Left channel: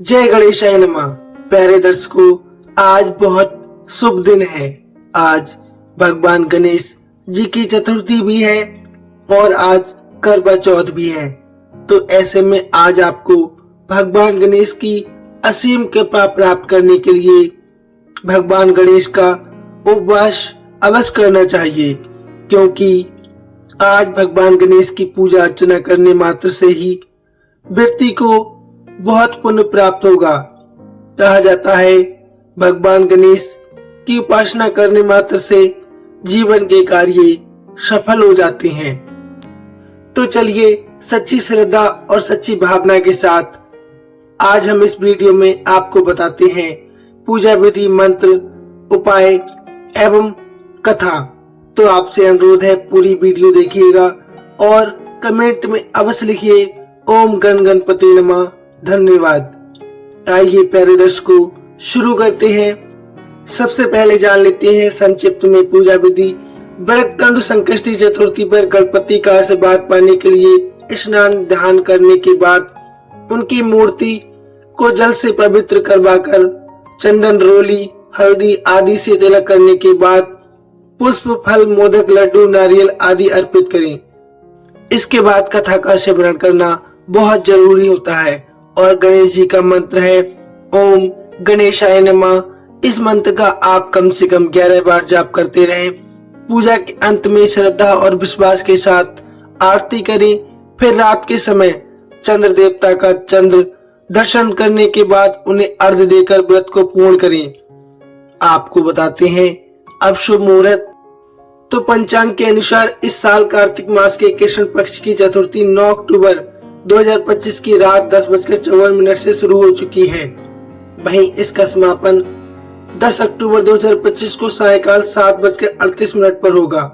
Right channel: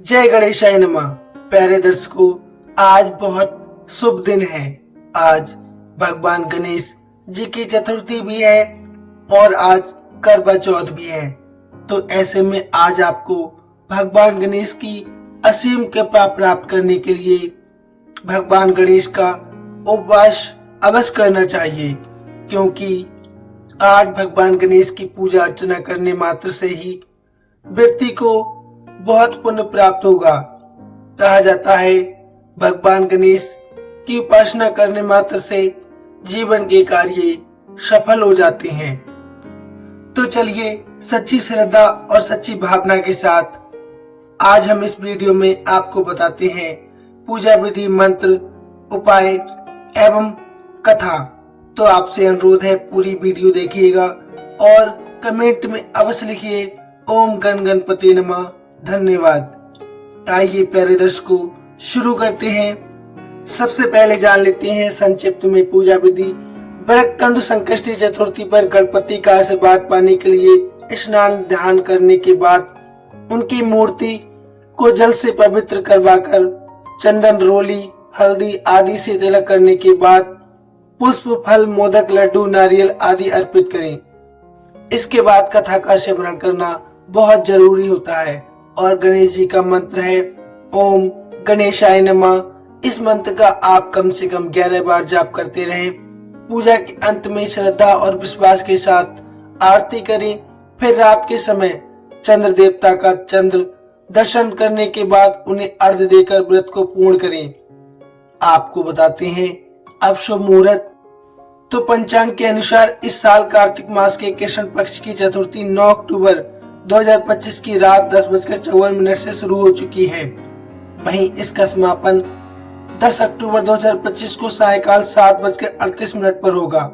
जय गणेशाय नमः। प्यारे दर्शकों, आज बहुत शुभ दिन है। आज भगवान गणेश जी की चतुर्थी भी है और आज करवा चौथ भी है। तो ऐसे में आज आपको भगवान गणेश की असीम कृपा प्राप्त करने के लिए भगवान गणेश का उपवास अवश्य करना चाहिए, क्योंकि आज भगवान गणेश की पूजा अर्चना करने मात्र से ही व्यक्ति को बहुत पुण्य प्राप्त होगा। कहा जाता है भगवान गणेश की उपासना करने मात्र से जीवन के कार्य सफल हो जाते हैं। तो चलिए सच्ची श्रद्धा और सच्ची भावना के साथ आज हम इस वीडियो में आपको बताते हैं पूजा विधि, मंत्र, उपाय एवं कथा। तो आपसे अनुरोध है पूरी वीडियो देखिएगा और कमेंट में अवश्य लिखिए ओम गण गणपति नमः। धन्यवाद। आइए प्यारे दर्शकों, शुरू करते हैं। सबसे पहले जान लेते हैं संक्षिप्त में पूजा विधि। भरतखंड संकष्टी चतुर्थी पर गणपति का आशीर्वाद पाने के लिए स्नान ध्यान करने के बाद उनकी मूर्ति को जल से पवित्र करवाकर चंदन, रोली, हल्दी आदि से तिलक करने के बाद पुष्प, फल, मोदक, लड्डू, नारियल आदि अर्पित करें। इसके बाद कथा का श्रवण करना बहुत जरूरी होता है और गणेश जी का मंत्र है ओम गणेशाय नमः। इस मंत्र का आप कम से कम 11 बार जाप करते रहें। पूजा के अंत में श्रद्धा और विश्वास के साथ आरती करें। फिर रात के समय चंद्र देवता का चंद्र दर्शन करने के बाद उन्हें अर्घ्य देकर व्रत को पूर्ण करें। आपको बताते हैं अब शुभ मुहूर्त। तो पंचांग के अनुसार इस साल कार्तिक मास के कृष्ण पक्ष की चतुर्थी 9 अक्टूबर 2025 की रात 10:54 से शुरू हो चुकी है। वहीं इसका समापन 10 अक्टूबर 2025 को सायकाल 7:38 पर होगा।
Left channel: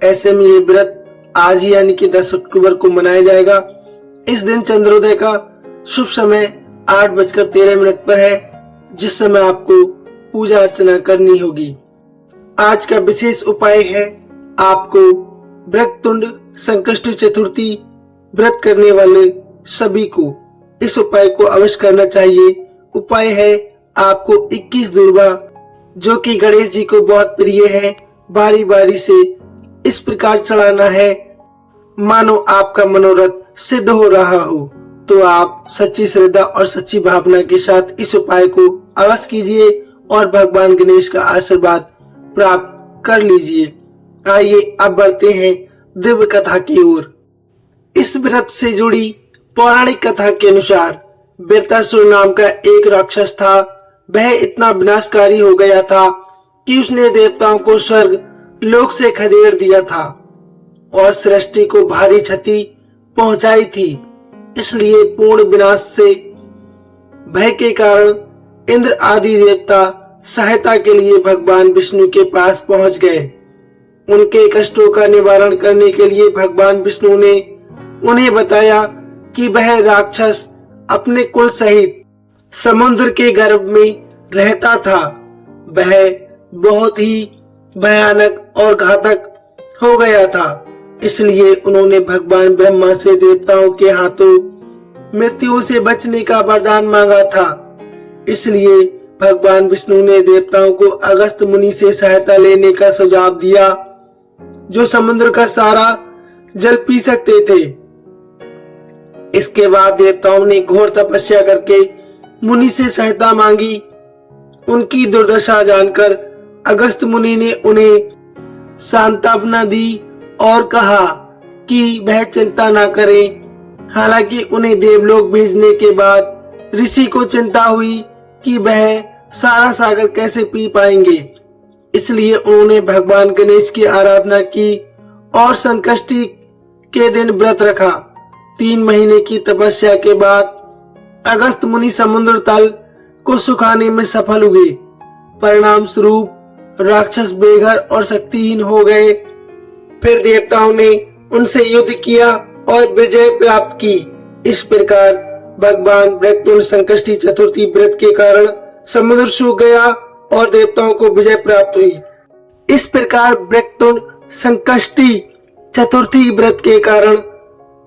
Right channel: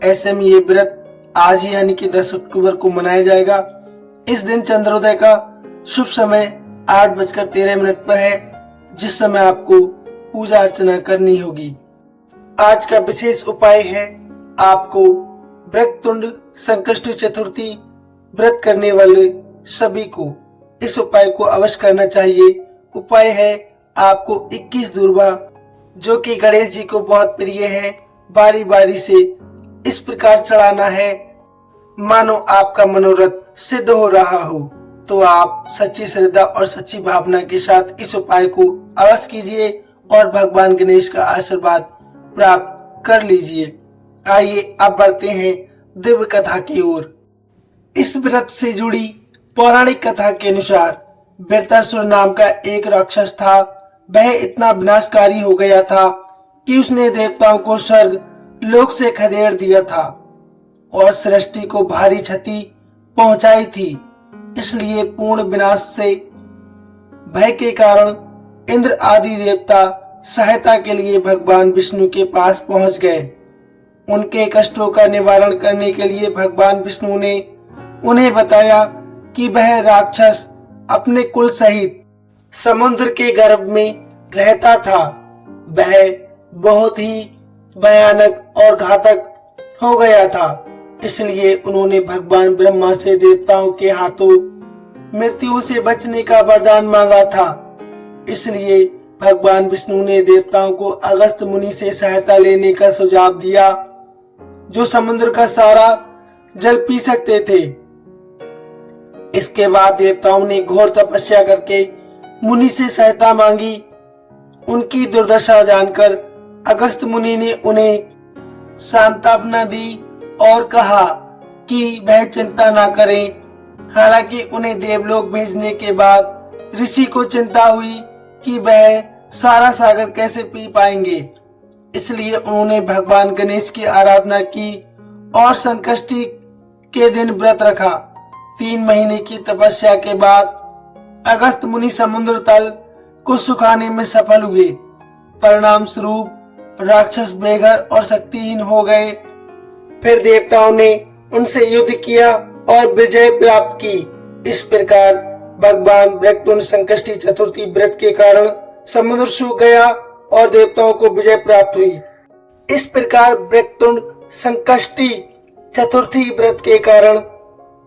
ऐसे में ये व्रत आज यानी कि 10 अक्टूबर को मनाया जाएगा। इस दिन चंद्रोदय का शुभ समय 8:13 पर है, जिस समय आपको पूजा अर्चना करनी होगी। आज का विशेष उपाय है आपको भरतखंड संकष्टी चतुर्थी व्रत करने वाले सभी को इस उपाय को अवश्य करना चाहिए। उपाय है आपको 21 दूर्वा, जो कि गणेश जी को बहुत प्रिय है, बारी बारी से इस प्रकार चढ़ाना है मानो आपका मनोरथ सिद्ध हो रहा हो। तो आप सच्ची श्रद्धा और सच्ची भावना के साथ इस उपाय को अवश्य कीजिए और भगवान गणेश का आशीर्वाद प्राप्त कर लीजिए। आइए अब बढ़ते हैं दिव्य कथा की ओर। इस व्रत से जुड़ी पौराणिक कथा के अनुसार वृत्रासुर नाम का एक राक्षस था। वह इतना विनाशकारी हो गया था कि उसने देवताओं को स्वर्ग लोक से खदेड़ दिया था और सृष्टि को भारी क्षति पहुंचाई थी। इसलिए पूर्ण विनाश से भय के कारण इंद्र आदि देवता सहायता के लिए भगवान विष्णु के पास पहुंच गए। उनके कष्टों का निवारण करने के लिए भगवान विष्णु ने उन्हें बताया कि वह राक्षस अपने कुल सहित समुद्र के गर्भ में रहता था। वह बहुत ही भयानक और घातक हो गया था। इसलिए उन्होंने भगवान ब्रह्मा से देवताओं के हाथों मृत्यु से बचने का वरदान मांगा था। इसलिए भगवान विष्णु ने देवताओं को अगस्त मुनि से सहायता लेने का सुझाव दिया, जो समुद्र का सारा जल पी सकते थे। इसके बाद देवताओं ने घोर तपस्या करके मुनि से सहायता मांगी। उनकी दुर्दशा जानकर अगस्त मुनि ने उन्हें सांत्वना दी और कहा कि वह चिंता ना करें। हालांकि उन्हें देवलोक भेजने के बाद ऋषि को चिंता हुई कि वह सारा सागर कैसे पी पाएंगे। इसलिए उन्होंने भगवान गणेश की आराधना की और संकष्टी के दिन व्रत रखा। 3 महीने की तपस्या के बाद अगस्त मुनि समुद्र तल को सुखाने में सफल हुए। परिणाम स्वरूप राक्षस बेघर और शक्तिहीन हो गए। फिर देवताओं ने उनसे युद्ध किया और विजय प्राप्त की। इस प्रकार भगवान भरतखंड संकष्टी चतुर्थी व्रत के कारण समुद्र सूख गया और देवताओं को विजय प्राप्त हुई। इस प्रकार भरतखंड संकष्टी चतुर्थी व्रत के कारण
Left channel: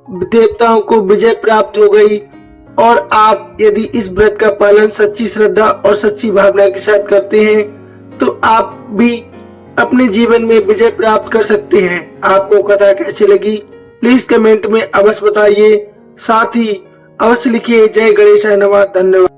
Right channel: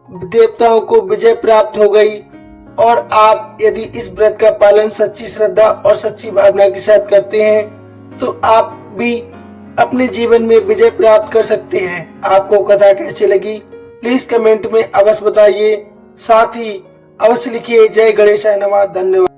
देवताओं को विजय प्राप्त हो गई और आप यदि इस व्रत का पालन सच्ची श्रद्धा और सच्ची भावना के साथ करते हैं तो आप भी अपने जीवन में विजय प्राप्त कर सकते हैं। आपको कथा कैसी लगी प्लीज कमेंट में अवश्य बताइए। साथ ही अवश्य लिखिए जय गणेशाय नमः। धन्यवाद।